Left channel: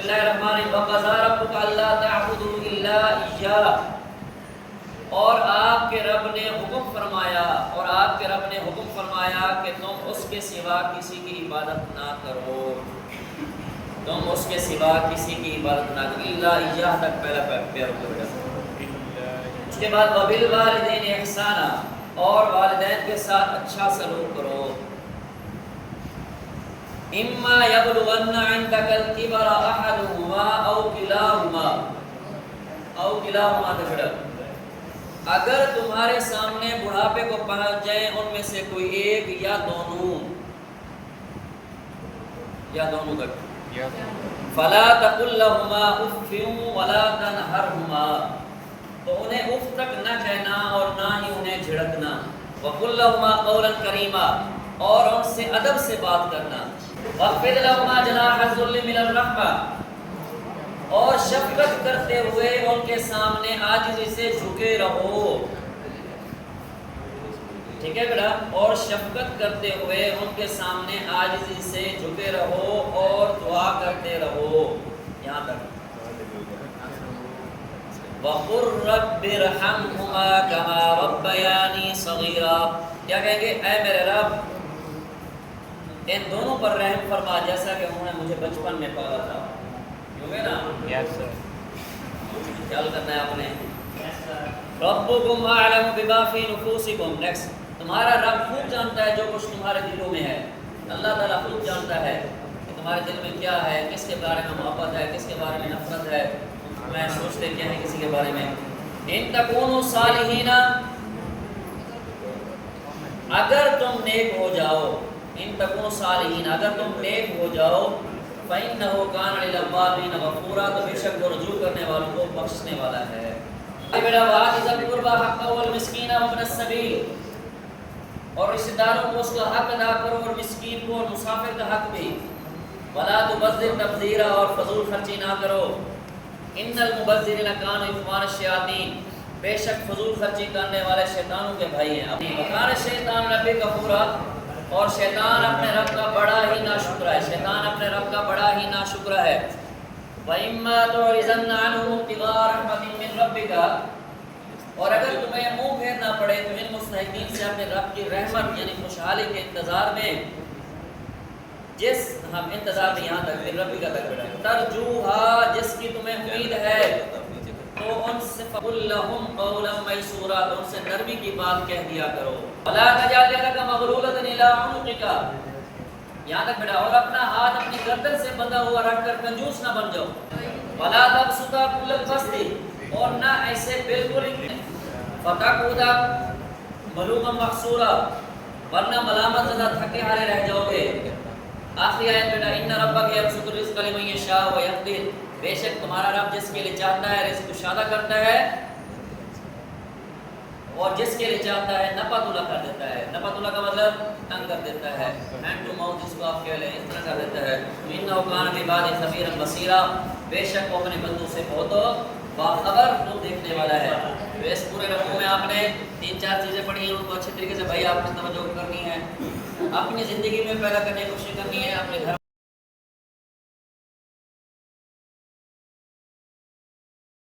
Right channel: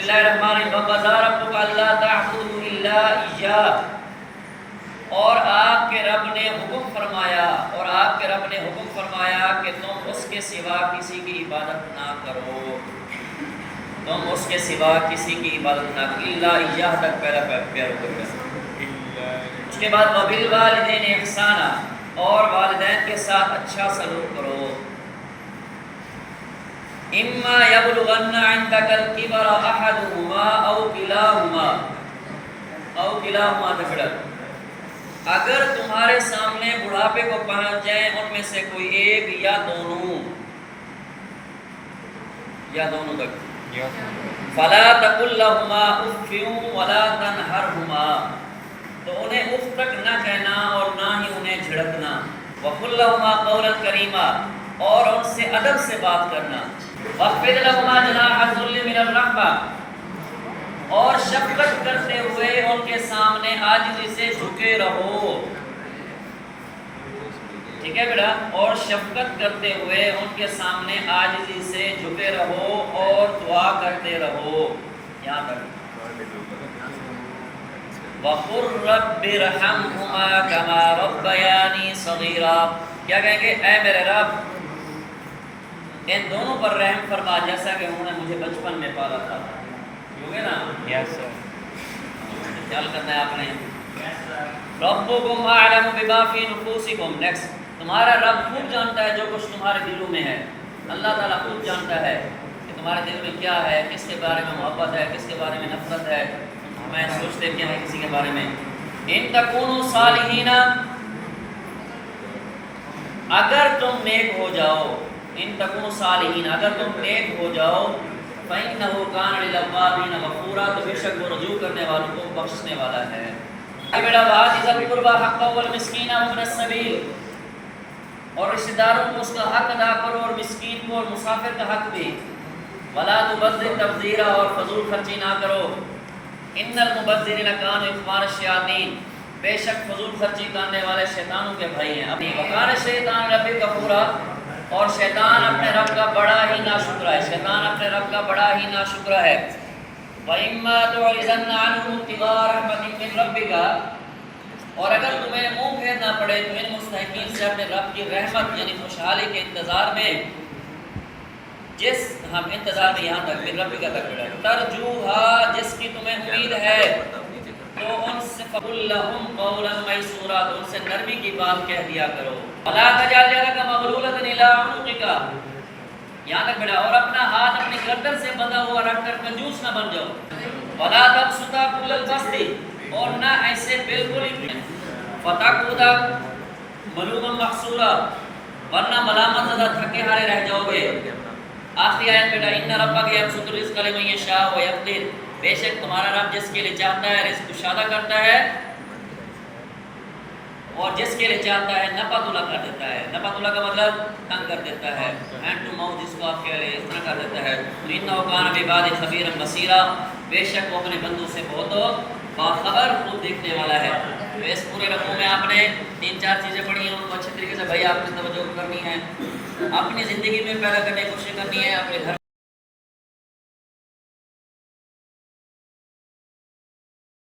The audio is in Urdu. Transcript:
اللہ الرحمن الرحیم وَقَضَىٰ رَبُّكَ أَلَّا تَعْبُدُوا إِلَّا إِيَّاهُ، اور آپ کے رب نے حکم فرمایا کہ تم اس کے سوا کسی کی عبادت نہ کرو، الا إِيَّاهُ تک پہلا پیارو کر گیا۔ اس کے بعد وَبِالْوَالِدَيْنِ إِحْسَانًا، اور والدین کے ساتھ اچھا سلوک کرو۔ اِمَّا يَبْلُغَنَّ عِندَكَ الْكِبَرَ أَحَدُهُمَا أَوْ كِلَاهُمَا تکڑا، اگر تمہارے سامنے بڑھاپے کو پہنچ جائیں ان میں سے کوئی ایک یا دونوں تک، فَلَا تَقُلْ لَهُمَا أُفٍّ وَلَا تَنْهَرْهُمَا، تو انہیں اف تک نہ کہنا اور نہ ہی انہیں جھڑکنا۔ وَقُلْ لَهُمَا قَوْلًا كَرِيمًا، اور ان سے ادب سے بات کرنا۔ وَاخْفِضْ لَهُمَا جَنَاحَ الذُّلِّ مِنَ الرَّحْمَةِ، اور شفقت کرتے ہوئے ان کے سامنے عاجزی سے جھکے رہو۔ ٹھیک ہے بیٹا، اور شفقت کرتے ہوئے ان کے سامنے عاجزی سے جھکے رہو اور دعا کرتے رہو۔ یہاں تک وَقُلْ رَبِّ ارْحَمْهُمَا كَمَا رَبَّيَانِي صَغِيرًا، کیا کہیں گے؟ اے میرے رب ان دونوں پر رحم فرما جیسا کہ انہوں نے مجھے بچپن میں پالا تھا۔ ہوگے نا؟ خیال کرنا ہے آپ نے۔ رَبُّكُمْ أَعْلَمُ بِمَا فِي نُفُوسِكُمْ، نیکسٹ، تمہارا رب خوب جانتا ہے جو کچھ تمہارے دلوں میں ہے۔ اللہ تعالیٰ خوب جانتا ہے کہ تمہارے دل میں کیا ہے، کس کے بارے میں محبت ہے، کس کے بارے میں نفرت ہے، میں سوچتے کیا ہے کسی کے بارے میں۔ ان تکونوا صالحین، اگر تم نیک ہو جاؤ، ان تکونوا صالحین، اگر تم نیک ہو جاؤ، فإنه كان للأوابین غفورا، تو بے شک وہ رجوع کرنے والوں کو بخشنے والا ہے۔ بیٹا وآت ذی القربى حقہ والمسکین وابن السبیل، اور رشتہ داروں کو اس کا حق ادا کرو اور مسکین کو اور مسافر کا حق بھی۔ ولا تبذر تبذیرا، اور فضول خرچی نہ کرو۔ ان المبذرین کانوا اخوان الشیاطین، بے شک فضول خرچی کرنے والے شیطانوں کے بھائی ہیں۔ وکان الشیطان ربہ کفورا، اور شیطان اپنے رب کا بڑا ہی ناشکرا ہے، وَإِمَّا تُعْرِضَنَّ عَنْهُمُ ابْتِغَاءَ رَحْمَةٍ مِّن رَّبِّكَ، اور اگر تمہیں منہ پھیرنا پڑے تو ان مستحقین سے اپنے رب کی رحمت یعنی خوشحالی کے انتظار میں، انتظار میں یہاں تک مِن رَّبِّكَ تک ترجوہا، جس کی تمہیں امید ہے، تو ان سے فَقُلْ لَهُمْ قَوْلًا مَيْسُورًا، تو ان سے نرمی کی بات کہہ دیا کرو۔ وَلَا تَجْعَلْ يَدَكَ مَغْلُولَةً إِلَىٰ عُنُقِكَ، یہاں تک بیٹا، اور اپنا ہاتھ اپنی گردن سے بندھا ہوا رکھ کر کنجوس نہ بن جاؤ۔ وَلَا تَبْسُطْهَا كُلَّ الْبَسْطِ، اور نہ ایسے بالکل فَتَقْعُدَ مَلُومًا مَحْسُورًا، ورنہ ملامت زدہ تھکے ہارے رہ جاؤ گے۔ آخری آیت بیٹا، إِنَّ رَبَّكَ يَبْسُطُ الرِّزْقَ لِمَن يَشَاءُ وَيَقْدِرُ، بے شک تمہارا رب جس کے لیے چاہتا ہے رزق کشادہ کرتا ہے، اور جس کے لیے چاہتا ہے نپاتولا کر دیتا ہے۔ نپاتولا کا مطلب تنگ کر دیتا ہے، ہینڈ ٹو ماؤتھ جس کو آپ کہہ لیں، اس طرح کر دیتا ہے۔ إِنَّهُ كَانَ بِعِبَادِهِ خَبِيرًا بَصِيرًا، بے شک وہ اپنے بندوں سے بہت باخبر خود دیکھنے والا ہے۔ تو اس پورے رقوع میں آپ نے 3-4 چیزیں پڑھی ہیں، ان کو اچھی طریقے سے بھائی آپ نے توجہ کرنی ہے، اپنی زندگی میں پیدا کرنے کی کوشش کرنی ہے، اپنے گھر